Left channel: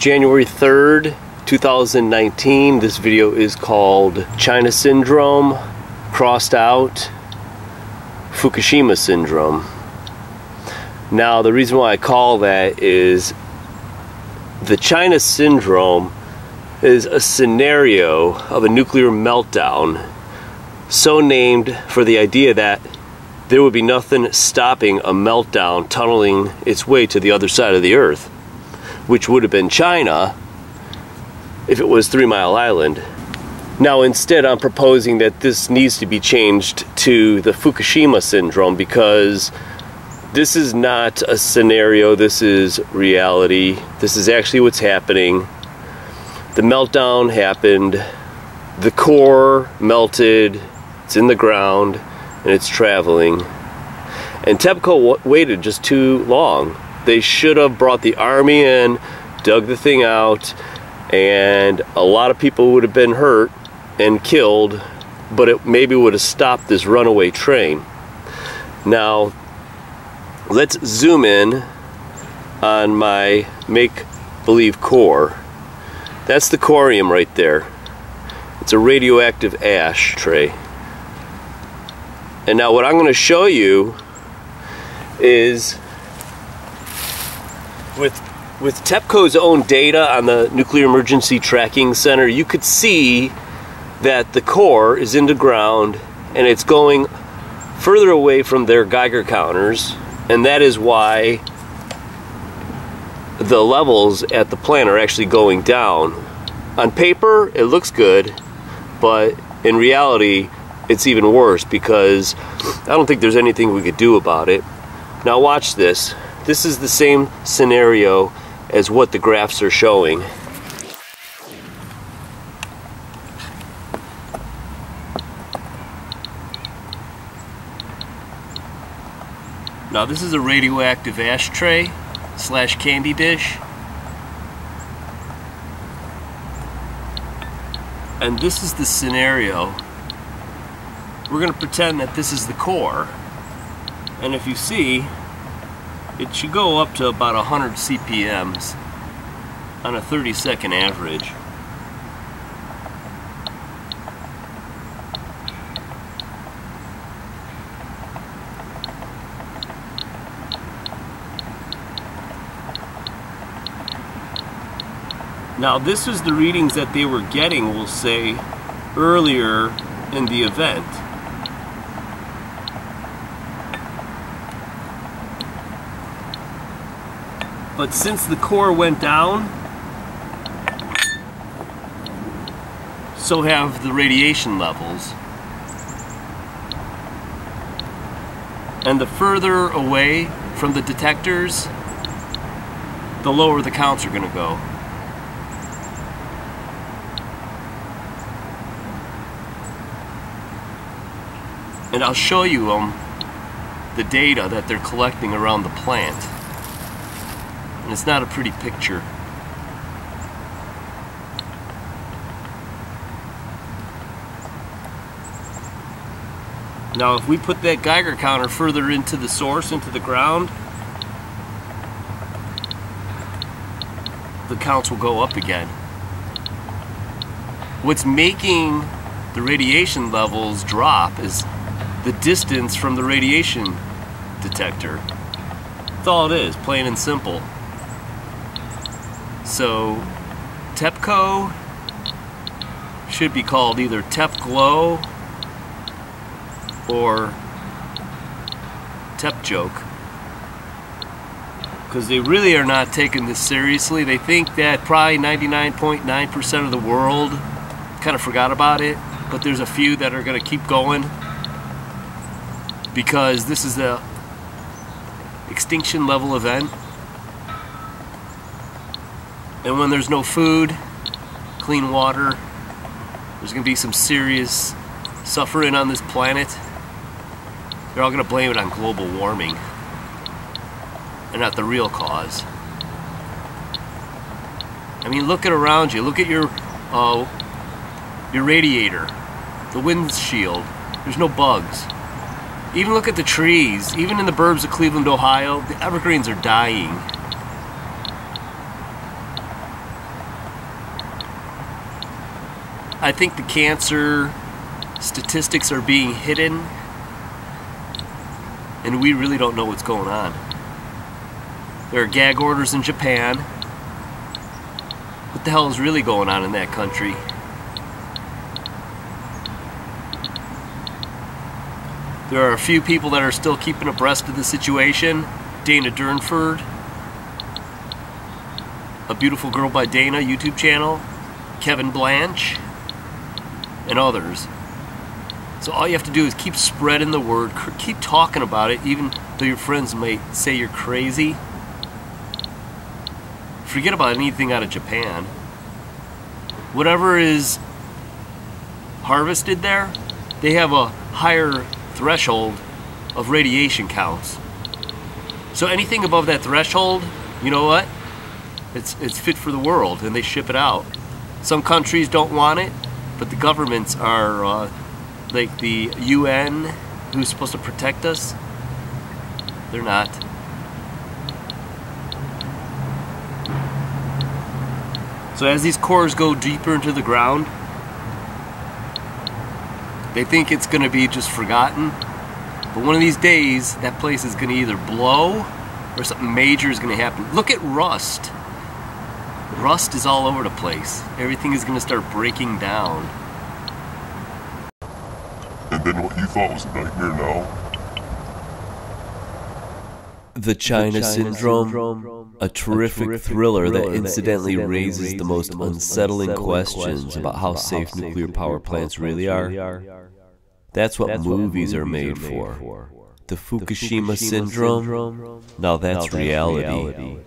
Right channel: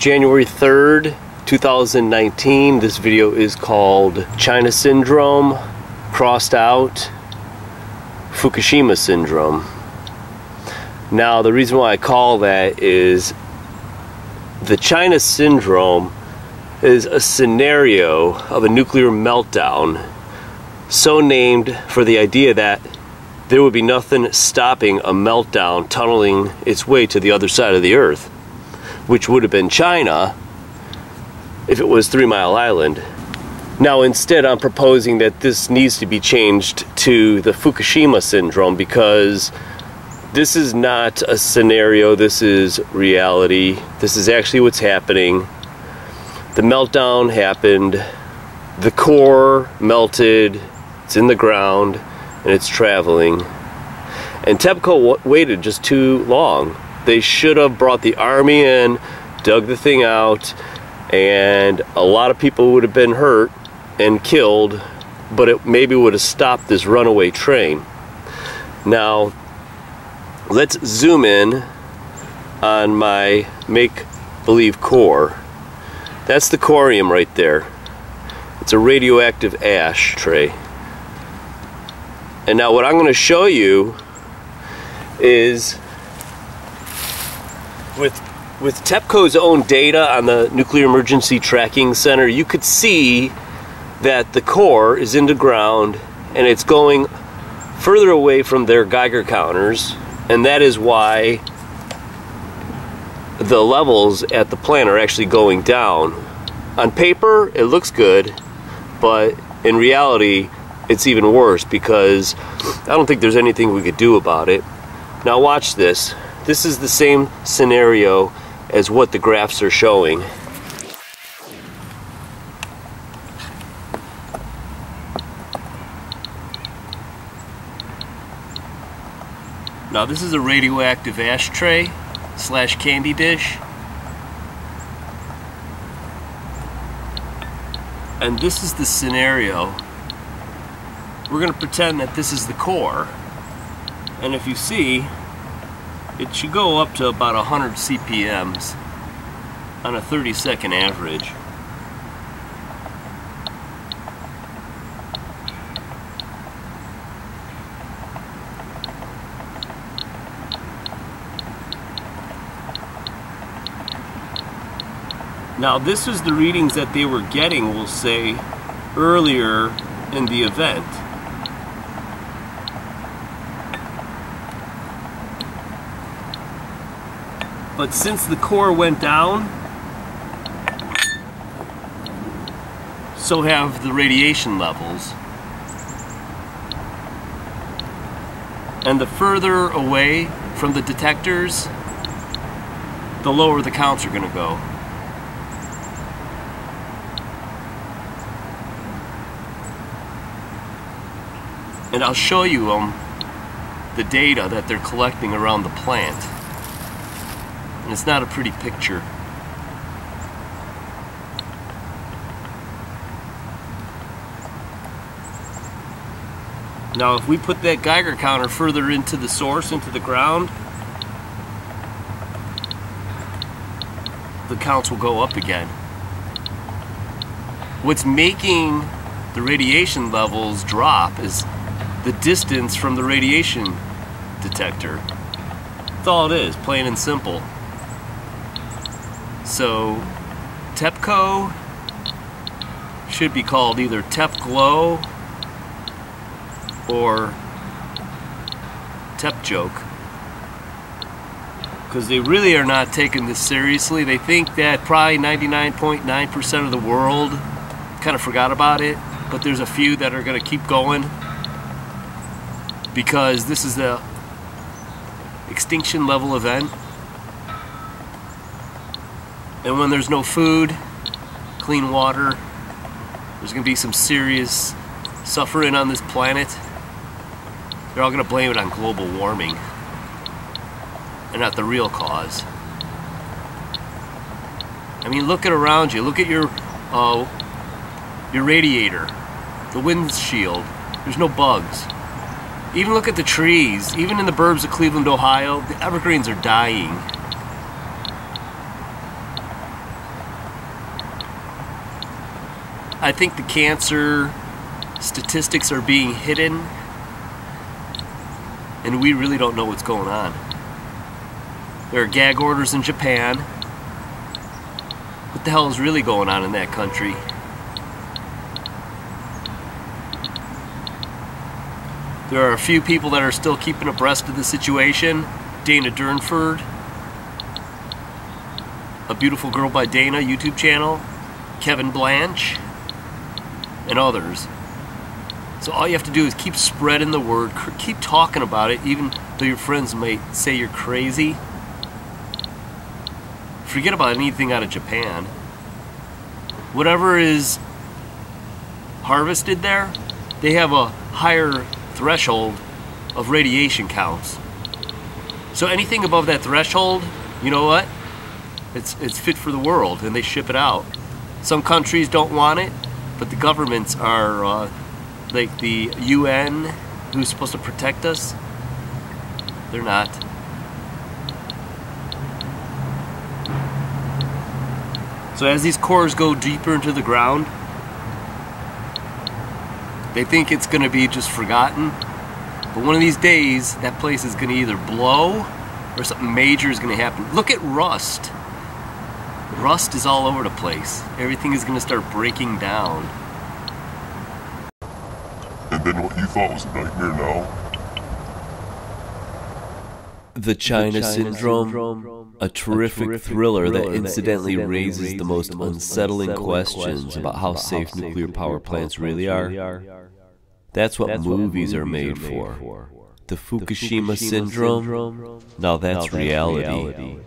January 3rd, 2019. This video is called China Syndrome, crossed out Fukushima Syndrome. Now, the reason why I call that is the China Syndrome is a scenario of a nuclear meltdown, so named for the idea that there would be nothing stopping a meltdown tunneling its way to the other side of the Earth, which would have been China if it was 3 Mile Island. Now, instead, I'm proposing that this needs to be changed to the Fukushima Syndrome, because this is not a scenario, this is reality. This is actually what's happening. The meltdown happened, the core melted, it's in the ground, and it's traveling. And TEPCO waited just too long. They should have brought the army in, dug the thing out, and a lot of people would have been hurt and killed, but it maybe would have stopped this runaway train. Now, let's zoom in on my make-believe core. That's the corium right there. It's a radioactive ash tray. And now what I'm going to show you is with TEPCO's own data on the Nuclear Emergency Tracking Center, you could see that the core is in the ground and it's going further away from their Geiger counters, and that is why the levels at the plant are actually going down. On paper, it looks good, but in reality, it's even worse, because I don't think there's anything we could do about it. Now watch this. This is the same scenario as what the graphs are showing. Now this is a radioactive ashtray / candy dish. And this is the scenario. We're going to pretend that this is the core, and if you see, it should go up to about 100 CPMs on a 30-second average. Now, this is the readings that they were getting, we'll say, earlier in the event. But since the core went down, so have the radiation levels. And the further away from the detectors, the lower the counts are going to go. And I'll show you the data that they're collecting around the plant. And it's not a pretty picture. Now, if we put that Geiger counter further into the source, into the ground, the counts will go up again. What's making the radiation levels drop is the distance from the radiation detector. That's all it is, plain and simple. So TEPCO should be called either TEPGLOW or TEPJoke, because they really are not taking this seriously. They think that probably 99.9% of the world kind of forgot about it, but there's a few that are going to keep going, because this is a extinction level event. And when there's no food, clean water, there's going to be some serious suffering on this planet. They're all going to blame it on global warming and not the real cause. I mean, look at around you. Look at your radiator, the windshield. There's no bugs. Even look at the trees. Even in the burbs of Cleveland, Ohio, the evergreens are dying. I think the cancer statistics are being hidden, and we really don't know what's going on. There are gag orders in Japan. What the hell is really going on in that country? There are a few people that are still keeping abreast of the situation. Dana Durnford, A Beautiful Girl by Dana YouTube channel, Kevin Blanche, and others. So all you have to do is keep spreading the word, keep talking about it, even though your friends may say you're crazy. Forget about anything out of Japan. Whatever is harvested there, they have a higher threshold of radiation counts. So anything above that threshold, you know what? It's fit for the world, and they ship it out. Some countries don't want it, but the governments are like the UN, who's supposed to protect us. They're not. So as these cores go deeper into the ground, they think it's going to be just forgotten. But one of these days, that place is going to either blow or something major is going to happen. Look at rust. Rust is all over the place. Everything is going to start breaking down. And then what you thought was a nightmare now? The China Syndrome, a terrific thriller that incidentally raises the most unsettling questions about how safe nuclear power plants really are. That's what movies are made for. The Fukushima Syndrome, now that's reality.